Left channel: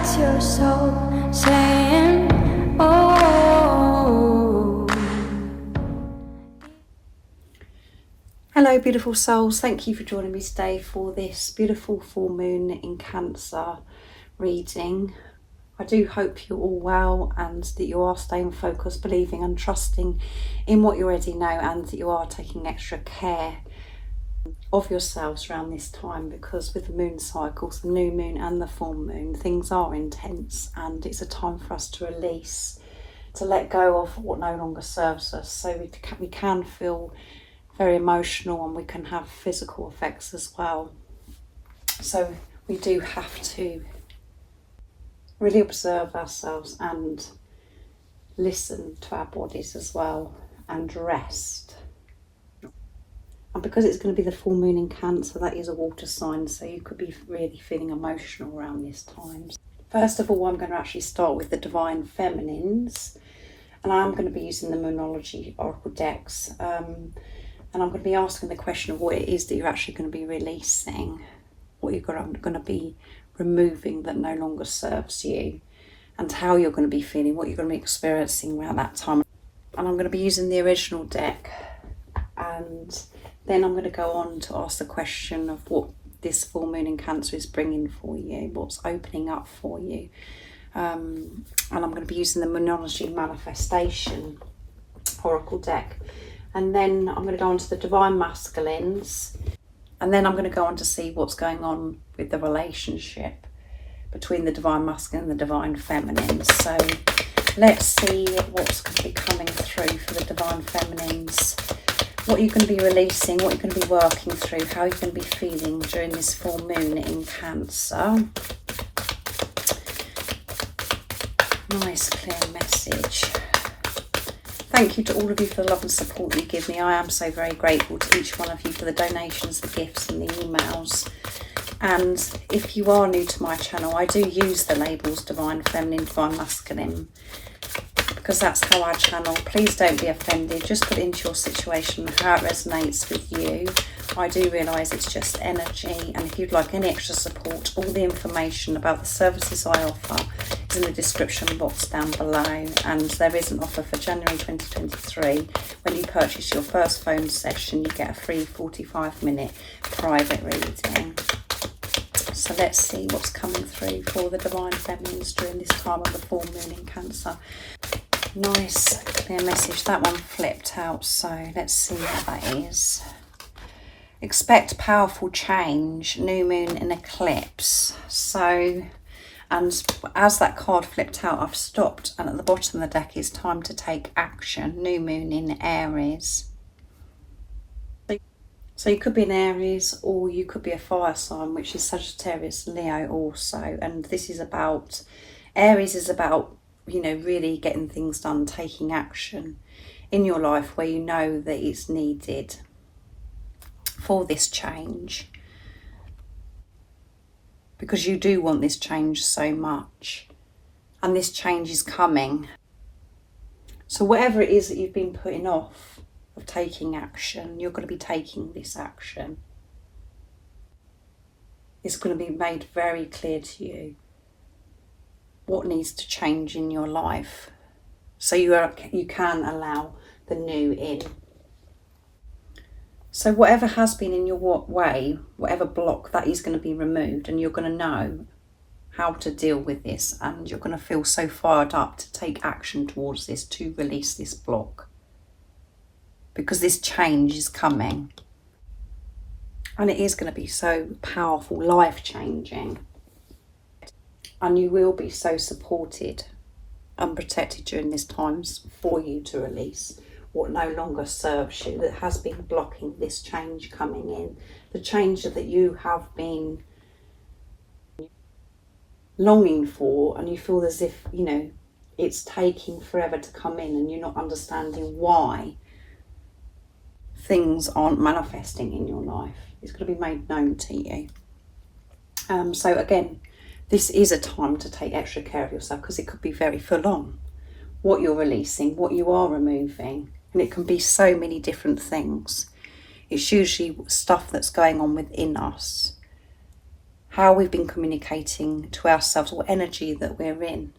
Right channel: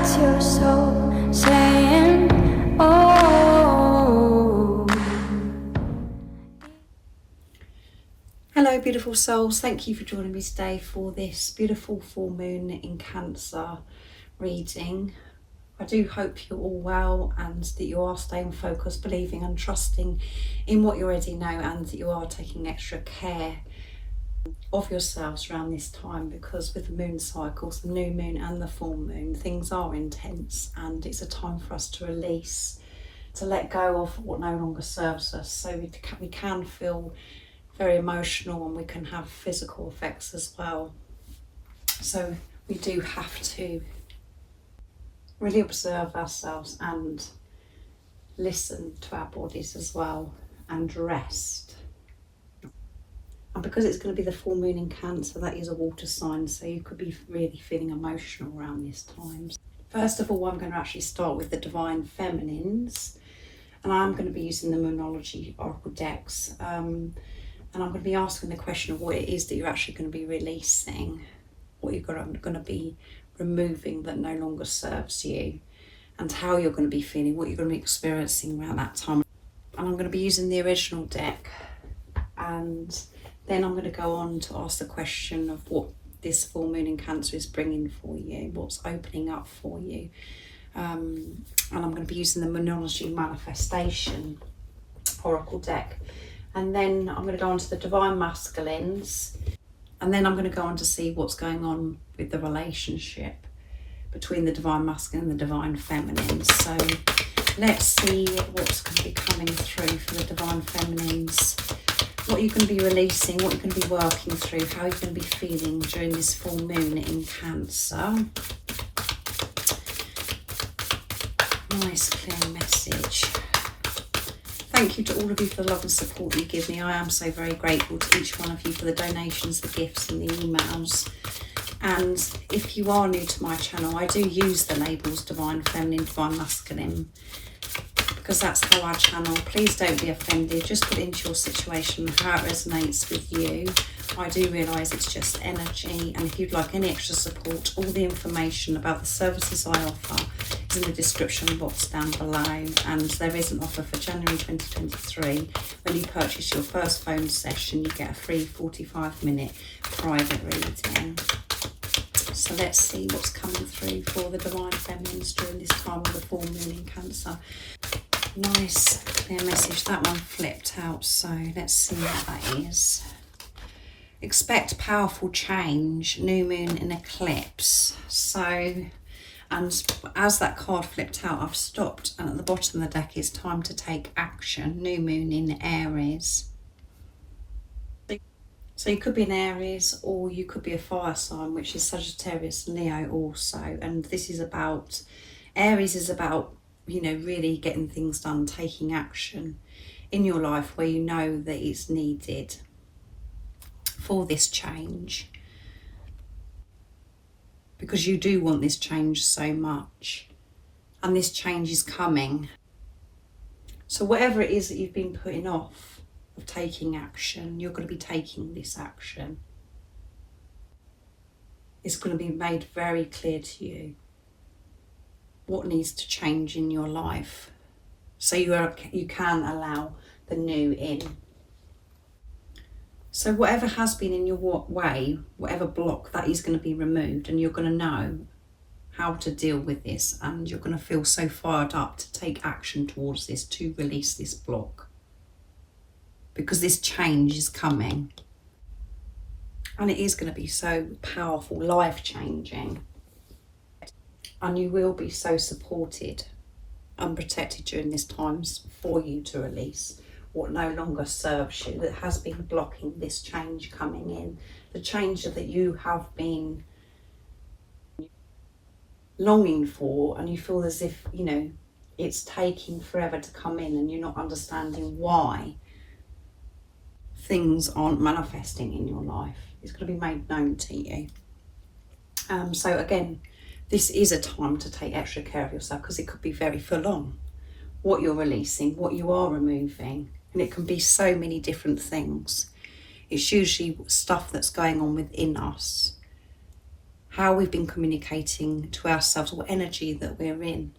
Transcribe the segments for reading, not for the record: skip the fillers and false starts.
That's your soul saying, oh. Hello beautiful souls, thank you for joining me today for this beautiful full moon in Cancer reading. I do hope you're all well and that you are staying focused, believing and trusting in what you already know, and that you are taking extra care of yourselves around this time, because with the moon cycles, the new moon and the full moon, things are intense and it's a time for us to release, to let go of what no longer serves us. So we can feel very emotional and we can have physical effects as well. So we do have to really observe ourselves and listen to our bodies as well, and rest. And because it's going to be the full moon in Cancer, that is a water sign, so you could be really feeling emotional around this time. First of all, I'm going to actually start with the Divine Feminines, and I'm going to be using the Moonology Oracle decks, and I'm going to be asking the question of what it is that you're actually going to be releasing, what you're going to be removing that no longer serves you, and how you're going to be feeling, what you're going to be experiencing around that time. And I'm going to be using the original deck, and then I'm going to go on to ask the question of what this full moon in Cancer is bringing for you, what's opening up for you. And I'm going to be using the Moonology Manifestation Oracle deck. And then I'm going to go on to the Divine Masculines. And then I'm going to go on to see what's going on with the relationship between the Divine Masculine and the Divine Feminine. So let's see what's going to be coming through for the Divine Feminines. What you're going to be releasing, what you're going to be working through, how you're going to be feeling during this full moon in Cancer. Nice clear message. Thank you to all of you for the love and support you give me. I am so very grateful to each one of you for the donations, the gifts and the emails. And if you are new to my channel, I do use the labels Divine Feminine, Divine Masculine, because that's how I channel. Please don't be offended, just put it into your situation, how it resonates with you. I do realise it's just energy, and if you'd like any extra support, all the information about the services I offer is in the description box down below. And there is an offer for January 2023. When you purchase your first phone session, you get a free 45-minute private reading. So let's see what's coming through for the Divine Feminines during this time of the full moon in Cancer. Nice clear message. That one flipped out, so let's see what that is. Expect powerful change, new moon and eclipse. So, and as that card flipped out, I've stopped, and at the bottom of the deck is time to take action, new moon in Aries. So you could be in Aries, or you could be a fire sign, which is Sagittarius, Leo also. And this is about, Aries is about, you know, really getting things done, taking action in your life where you know that it's needed for this change, because you do want this change so much, and this change is coming. So whatever it is that you've been putting off of taking action, you're going to be taking this action. It's going to be made very clear to you what needs to change in your life, so you can allow the new in. So whatever has been in your way, whatever block, that is going to be removed, and you're going to know how to deal with this, and you're going to feel so fired up to take action towards this, to release this block, because this change is coming, and it is going to be so powerful, life-changing, and you will be so supported and protected during this time for you to release what no longer serves you, that has been blocking this change coming in, the change that you have been longing for, and you feel as if, you know, it's taking forever to come in, and you're not understanding why things aren't manifesting in your life. It's going to be made known to you. So again, this is a time to take extra care of yourself, because it could be very full on, what you're releasing, what you are removing. And it can be so many different things. It's usually stuff that's going on within us how we've been communicating to ourselves, or energy that we're in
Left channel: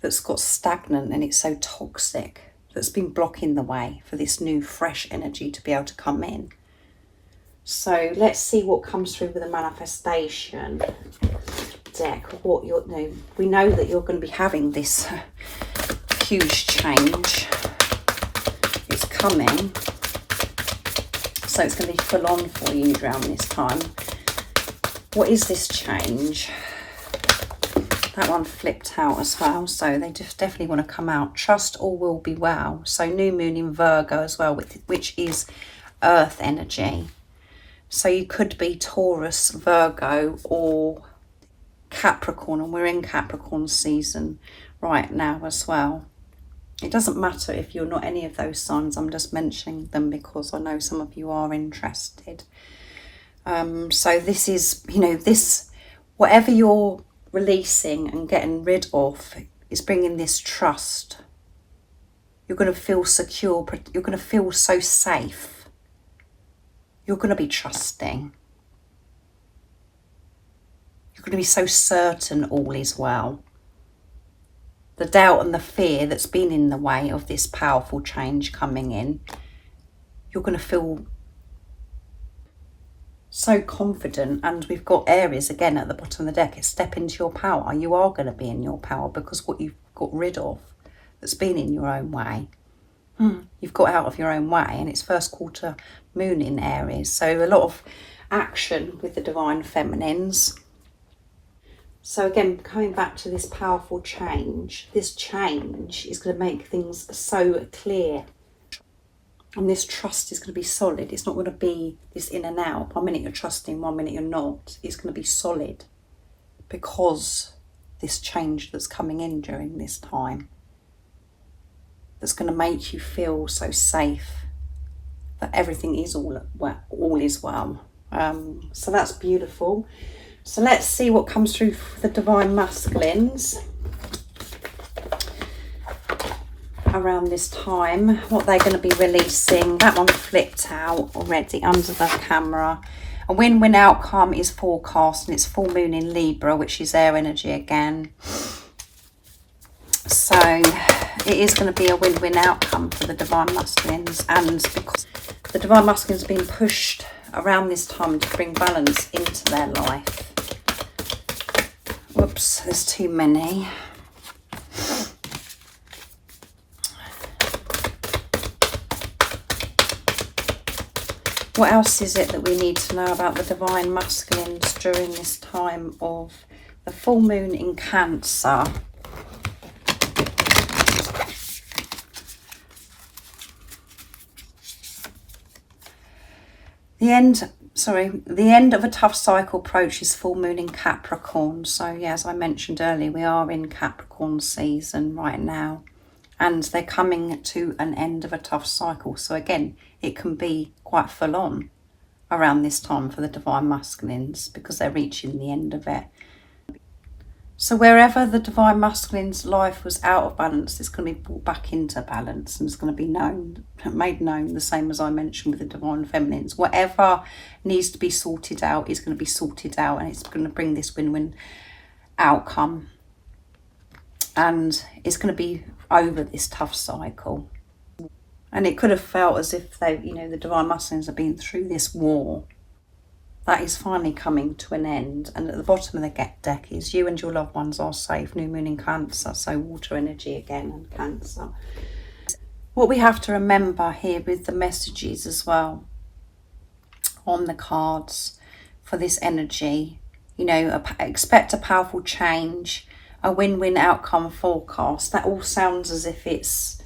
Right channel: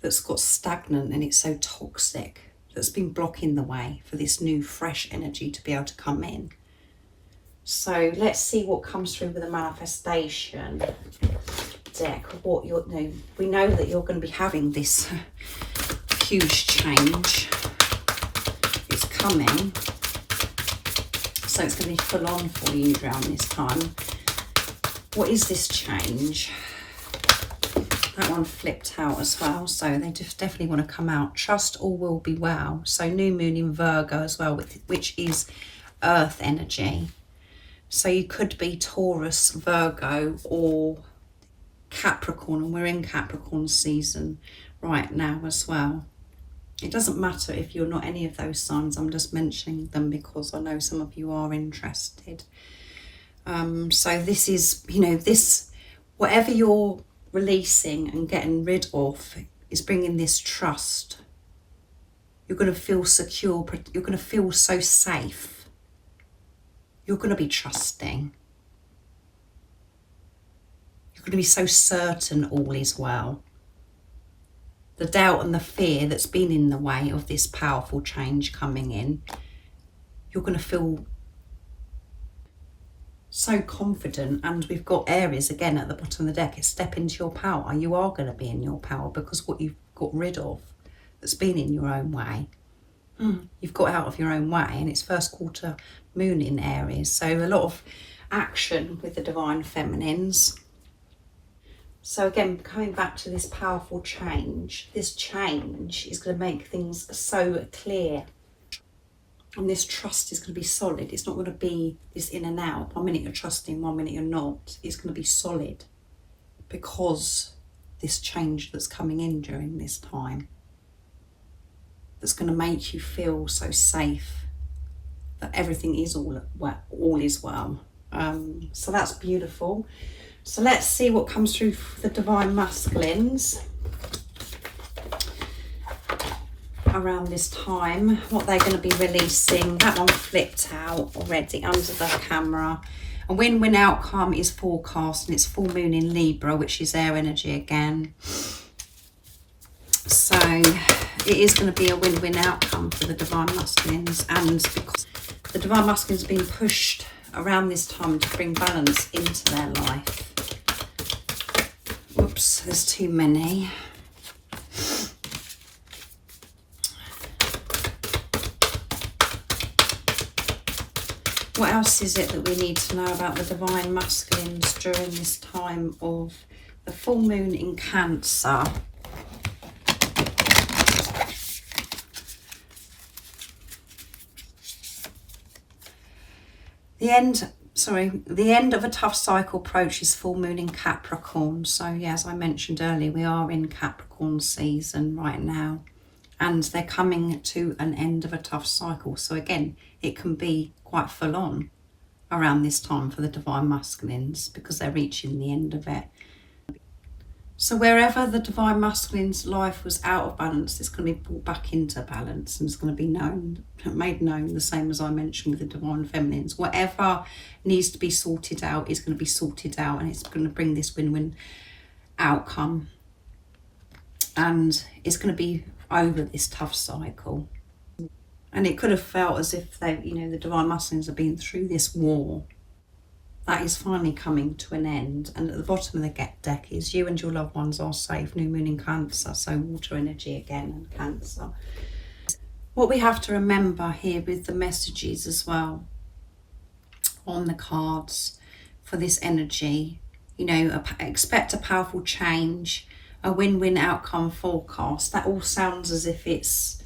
that's got stagnant and it's so toxic, that's been blocking the way for this new fresh energy to be able to come in. So let's see what comes through with the manifestation deck. What you're, we know that you're going to be having this huge change. It's coming. So it's going to be full on for you around this time. What is this change? That one flipped out as well, so they just definitely want to come out. Trust all will be well. So new moon in Virgo as well, which is earth energy. So you could be Taurus, Virgo, or Capricorn, and we're in Capricorn season right now as well. It doesn't matter if you're not any of those signs. I'm just mentioning them because I know some of you are interested. So this is, this, whatever you're releasing and getting rid of is bringing this trust. You're going to feel secure. You're going to feel so safe. You're going to be trusting. You're going to be so certain all is well. The doubt and the fear that's been in the way of this powerful change coming in, you're going to feel so confident. And we've got Aries again at the bottom of the deck. It's step into your power. You are going to be in your power because what you've got rid of that's been in your own way, you've got out of your own way. And it's first quarter moon in Aries, so a lot of action with the divine feminines. So again, coming back to this powerful change, this change is going to make things so clear. And this trust is going to be solid. It's not going to be this in and out. 1 minute you're trusting, 1 minute you're not. It's going to be solid because this change that's coming in during this time, that's going to make you feel so safe that everything is all is well. So that's beautiful. So let's see what comes through for the divine masculines around this time, what they're going to be releasing. That one flipped out already under the camera. A win-win outcome is forecast, and it's full moon in Libra, which is air energy again. So it is going to be a win-win outcome for the divine masculines, and because the divine masculines are being pushed around this time to bring balance into their life. Whoops, there's too many. What else is it that we need to know about the divine masculines during this time of the full moon in Cancer? The end of a tough cycle approaches full moon in Capricorn. So yeah, as I mentioned earlier, we are in Capricorn season right now, and they're coming to an end of a tough cycle. So again, it can be quite full on around this time for the divine masculines because they're reaching the end of it. So wherever the divine masculine's life was out of balance, it's going to be brought back into balance, and it's going to be made known, the same as I mentioned with the divine feminines. Whatever needs to be sorted out is going to be sorted out, and it's going to bring this win-win outcome. And it's going to be over this tough cycle. And it could have felt as if they, the divine masculines have been through this war. That is finally coming to an end. And at the bottom of the deck is you and your loved ones are safe. New moon in Cancer, so water energy again and Cancer. What we have to remember here with the messages as well on the cards for this energy, expect a powerful change, a win-win outcome forecast. That all sounds as if it's,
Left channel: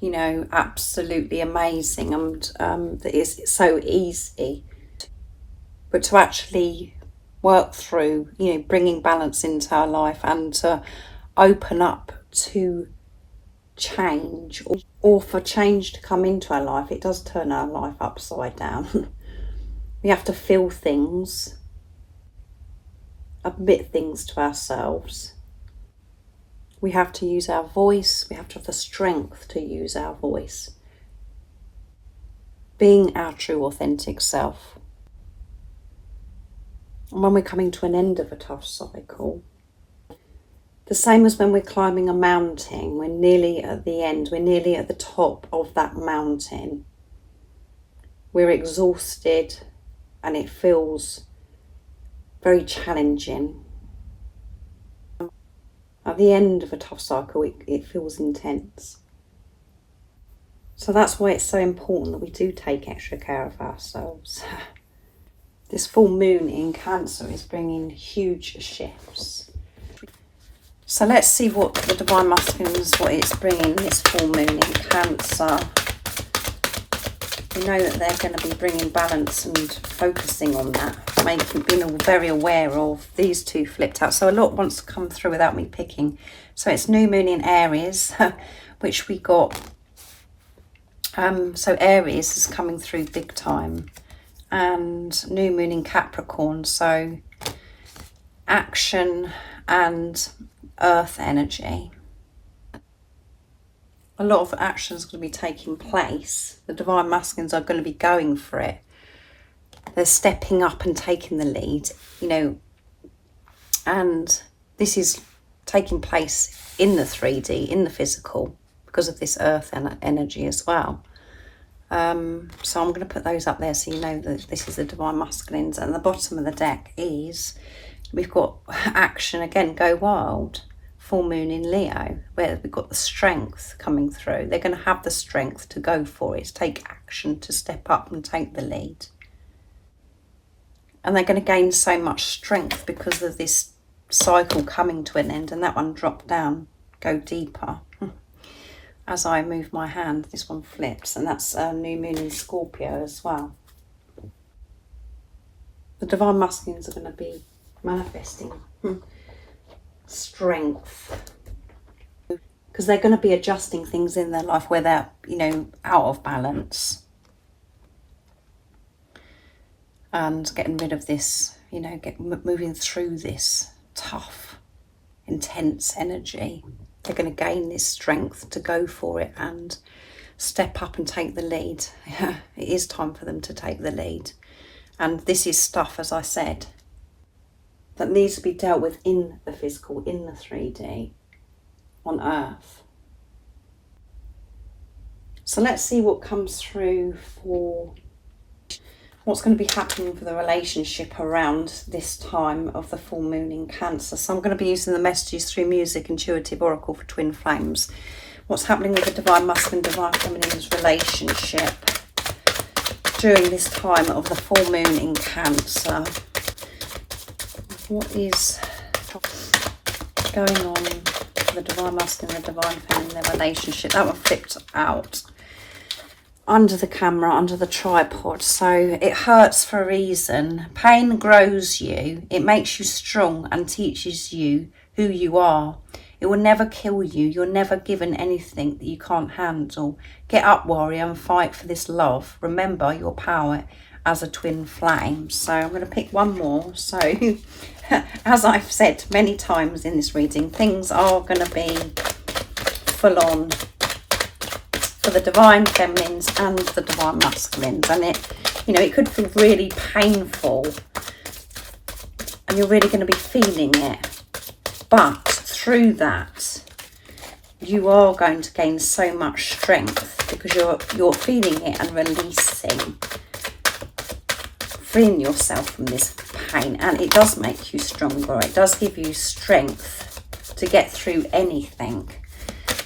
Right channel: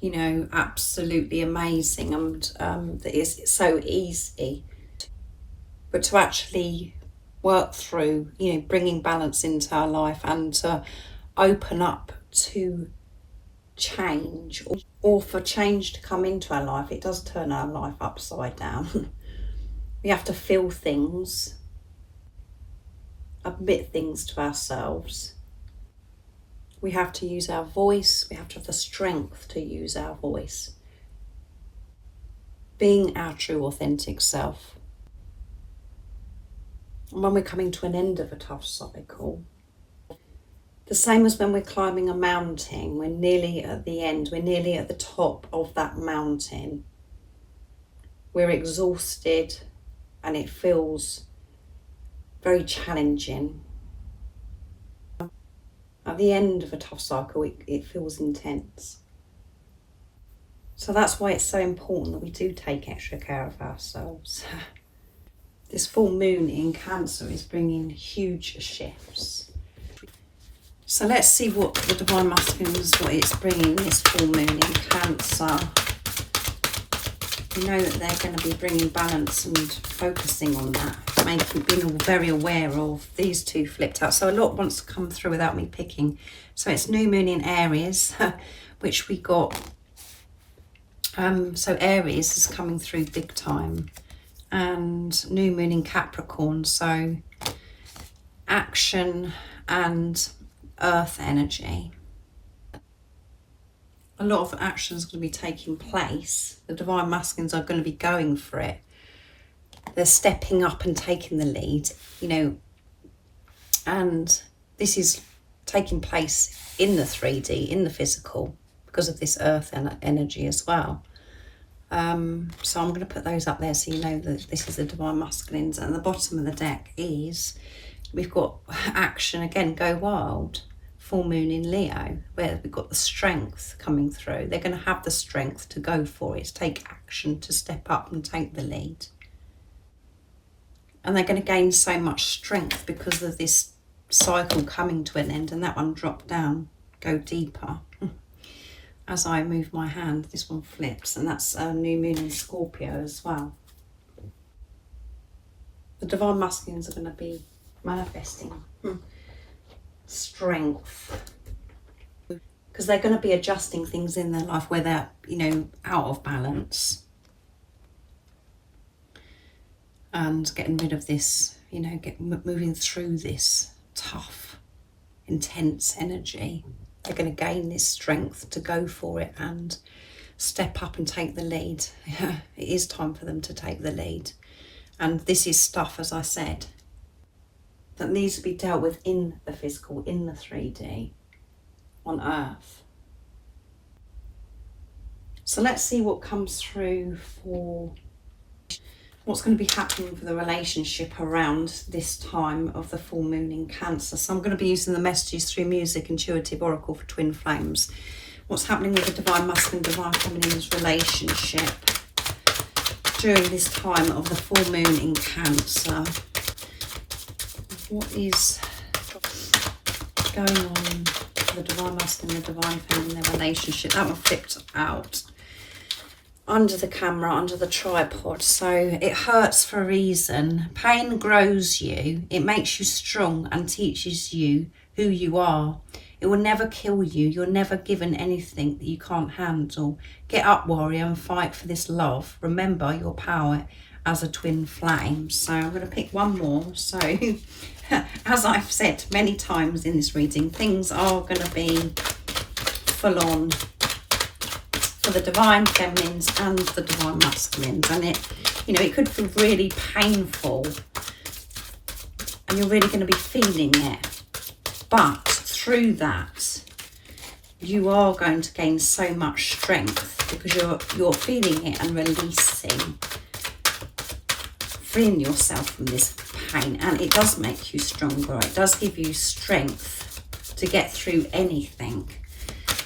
absolutely amazing and that it's so easy. But to actually work through, bringing balance into our life and to open up to change or for change to come into our life, it does turn our life upside down. We have to feel things, admit things to ourselves. We have to use our voice. We have to have the strength to use our voice. Being our true, authentic self. And when we're coming to an end of a tough cycle, the same as when we're climbing a mountain, we're nearly at the end, we're nearly at the top of that mountain. We're exhausted and it feels very challenging. At the end of a tough cycle, it feels intense. So that's why it's so important that we do take extra care of ourselves. This full moon in Cancer is bringing huge shifts. So let's see what the Divine Masculines, what it's bringing this full moon in Cancer. We know that they're going to be bringing balance and focusing on that, being very aware of these two flipped out. So a lot wants to come through without me picking. So it's new moon in Aries, which we got. So Aries is coming through big time, and new moon in Capricorn. So action and earth energy. A lot of action is going to be taking place. The Divine Masculines are going to be going for it. They're stepping up and taking the lead, and this is taking place in the 3D, in the physical, because of this earth energy as well. So I'm going to put those up there so you know that this is the Divine Masculines. And the bottom of the deck is, we've got action again, go wild. Full moon in Leo, where we've got the strength coming through. They're going to have the strength to go for it, to take action, to step up and take the lead. And they're going to gain so much strength because of this cycle coming to an end. And that one dropped down, go deeper. As I move my hand, this one flips, and that's a new moon in Scorpio as well. The Divine Masculines are going to be manifesting strength, because they're going to be adjusting things in their life where they're out of balance, and getting rid of this, moving through this tough, intense energy. They're going to gain this strength to go for it and step up and take the lead. It is time for them to take the lead, and this is stuff, as I said, that needs to be dealt with in the physical, in the 3D, on Earth. So let's see what comes through for what's going to be happening for the relationship around this time of the full moon in Cancer. So I'm going to be using the messages through music, intuitive oracle for twin flames. What's happening with the Divine Masculine, Divine Feminine's relationship during this time of the full moon in Cancer? What is going on for the Divine Masculine and the Divine Feminine, their relationship? That one flipped out under the camera, under the tripod. So it hurts for a reason. Pain grows you. It makes you strong and teaches you who you are. It will never kill you. You're never given anything that you can't handle. Get up, warrior, and fight for this love. Remember your power as a twin flame. So I'm going to pick one more. So as I've said many times in this reading, things are going to be full on for the Divine Feminines and the Divine Masculines, and it could feel really painful, and you're really going to be feeling it, but through that you are going to gain so much strength, because you're feeling it and freeing yourself from this pain, and it does make you stronger. It does give you strength to get through anything.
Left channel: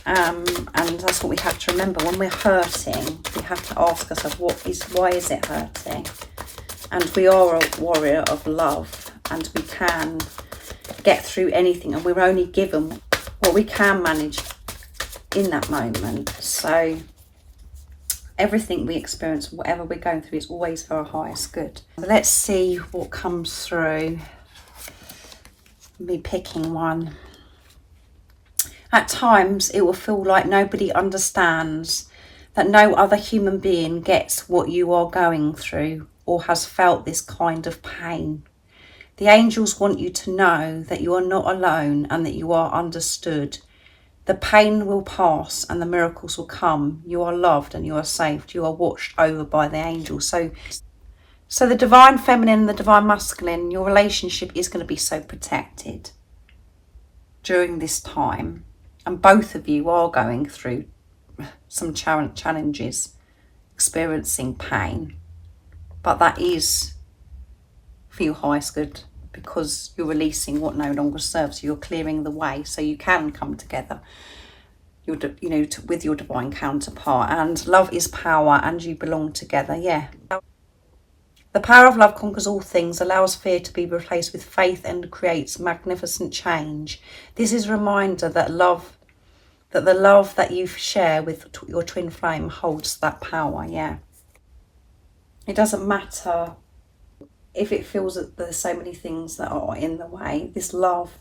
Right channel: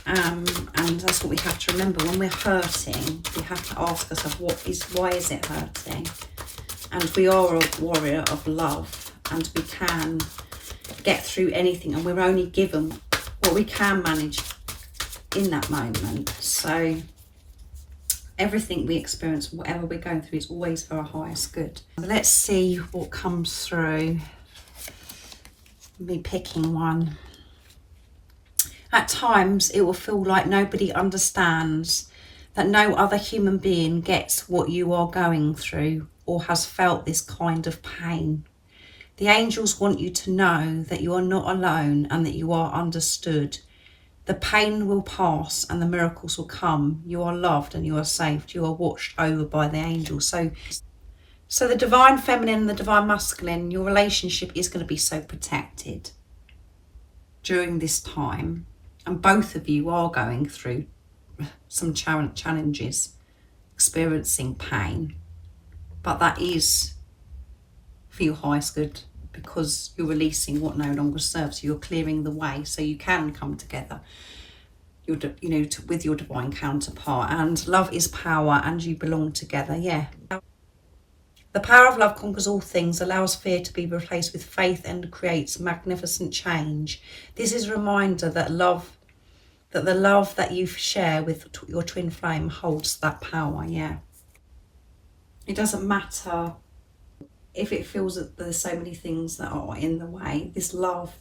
And that's what we have to remember. When we're hurting, we have to ask ourselves, why is it hurting? And we are a warrior of love, and we can get through anything, and we're only given what we can manage in that moment. So everything we experience, whatever we're going through, is always for our highest good. Let's see what comes through. Me picking one. At times, it will feel like nobody understands, that no other human being gets what you are going through or has felt this kind of pain. The angels want you to know that you are not alone and that you are understood. The pain will pass and the miracles will come. You are loved and you are saved. You are watched over by the angels. So the divine feminine and the divine masculine, your relationship is going to be so protected during this time. And both of you are going through some challenges, experiencing pain. But that is for your highest good, because you're releasing what no longer serves you. You're clearing the way so you can come together, with your divine counterpart. And love is power, and you belong together. Yeah. The power of love conquers all things, allows fear to be replaced with faith, and creates magnificent change. This is a reminder that the love that you share with your twin flame holds that power. Yeah. It doesn't matter if it feels that there's so many things that are in the way. This love,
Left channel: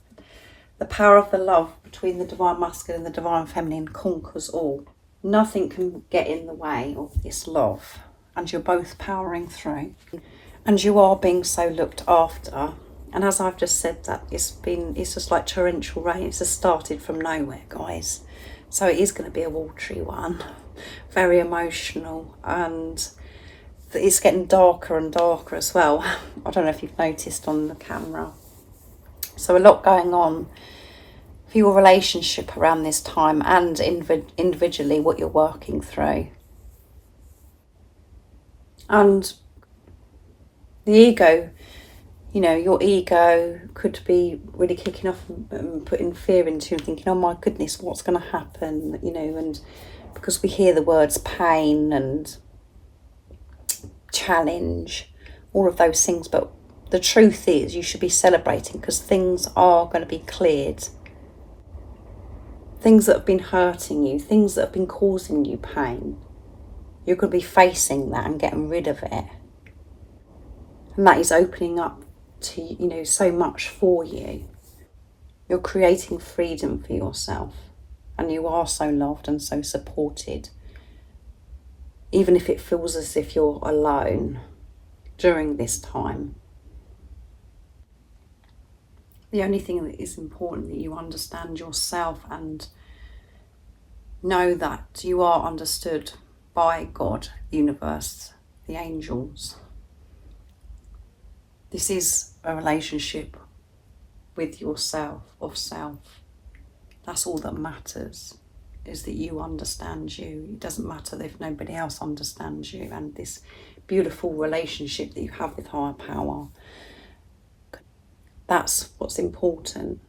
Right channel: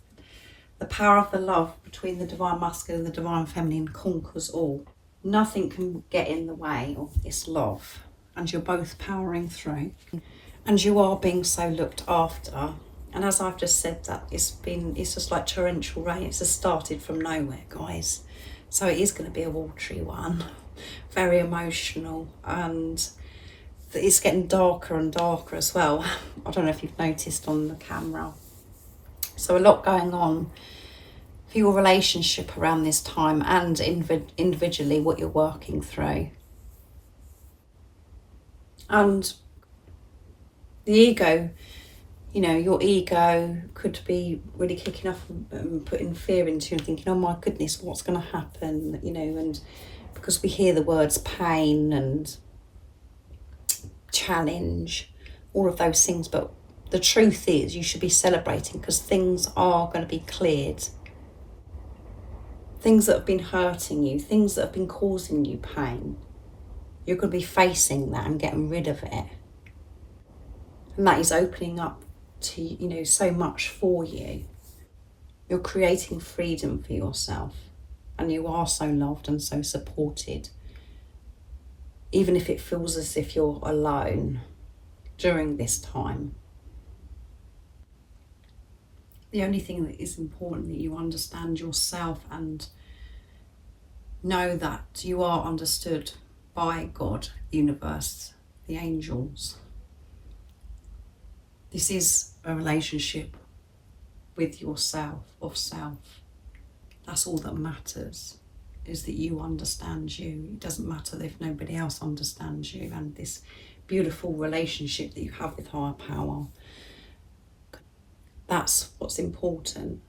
the power of the love between the divine masculine and the divine feminine conquers all. Nothing can get in the way of this love. And you're both powering through, and you are being so looked after. And as I've just said, that it's just like torrential rain. It's just started from nowhere, guys. So it is going to be a watery one, very emotional, and it's getting darker and darker as well. I don't know if you've noticed on the camera. So a lot going on for your relationship around this time, and individually what you're working through. And the ego, your ego could be really kicking off and putting fear into you and thinking, oh my goodness, what's going to happen? And because we hear the words pain and challenge, all of those things. But the truth is, you should be celebrating, because things are going to be cleared. Things that have been hurting you, things that have been causing you pain. You're going to be facing that and getting rid of it. And that is opening up to, so much for you. You're creating freedom for yourself. And you are so loved and so supported. Even if it feels as if you're alone during this time. The only thing that is important, that you understand yourself and know that you are understood by God, the universe, the angels. This is a relationship with yourself, of self. That's all that matters, is that you understand you. It doesn't matter if nobody else understands you, and this beautiful relationship that you have with higher power. That's what's important.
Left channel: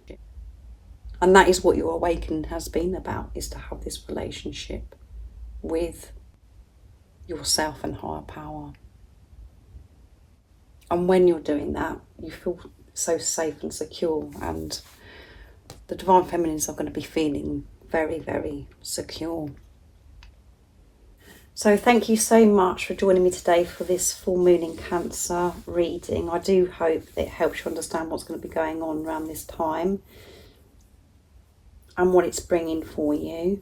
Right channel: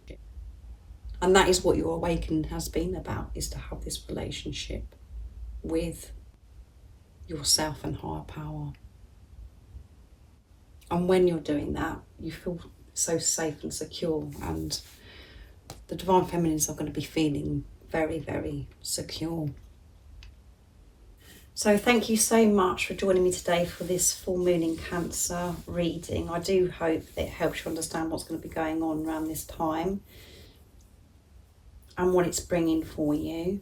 And that is what your awakening has been about, is to have this relationship with yourself and higher power. And when you're doing that, you feel so safe and secure, and the divine feminines are going to be feeling very, very secure. So thank you so much for joining me today for this full moon in Cancer reading. I do hope that it helps you understand what's going to be going on around this time and what it's bringing for you.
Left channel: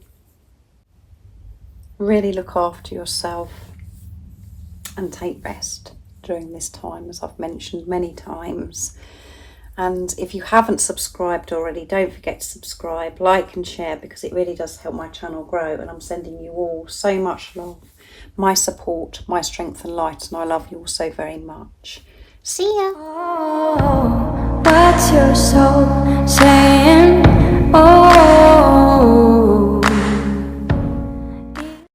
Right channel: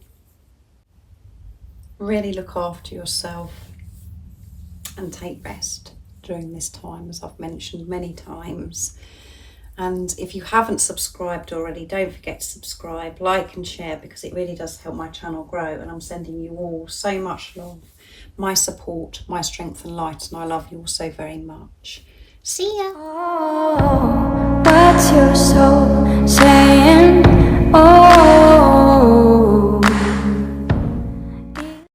Really look after yourself and take rest during this time, as I've mentioned many times. And if you haven't subscribed already, don't forget to subscribe, like and share, because it really does help my channel grow. And I'm sending you all so much love, my support, my strength and light, and I love you all so very much. See ya. Oh, what's your soul saying? Oh.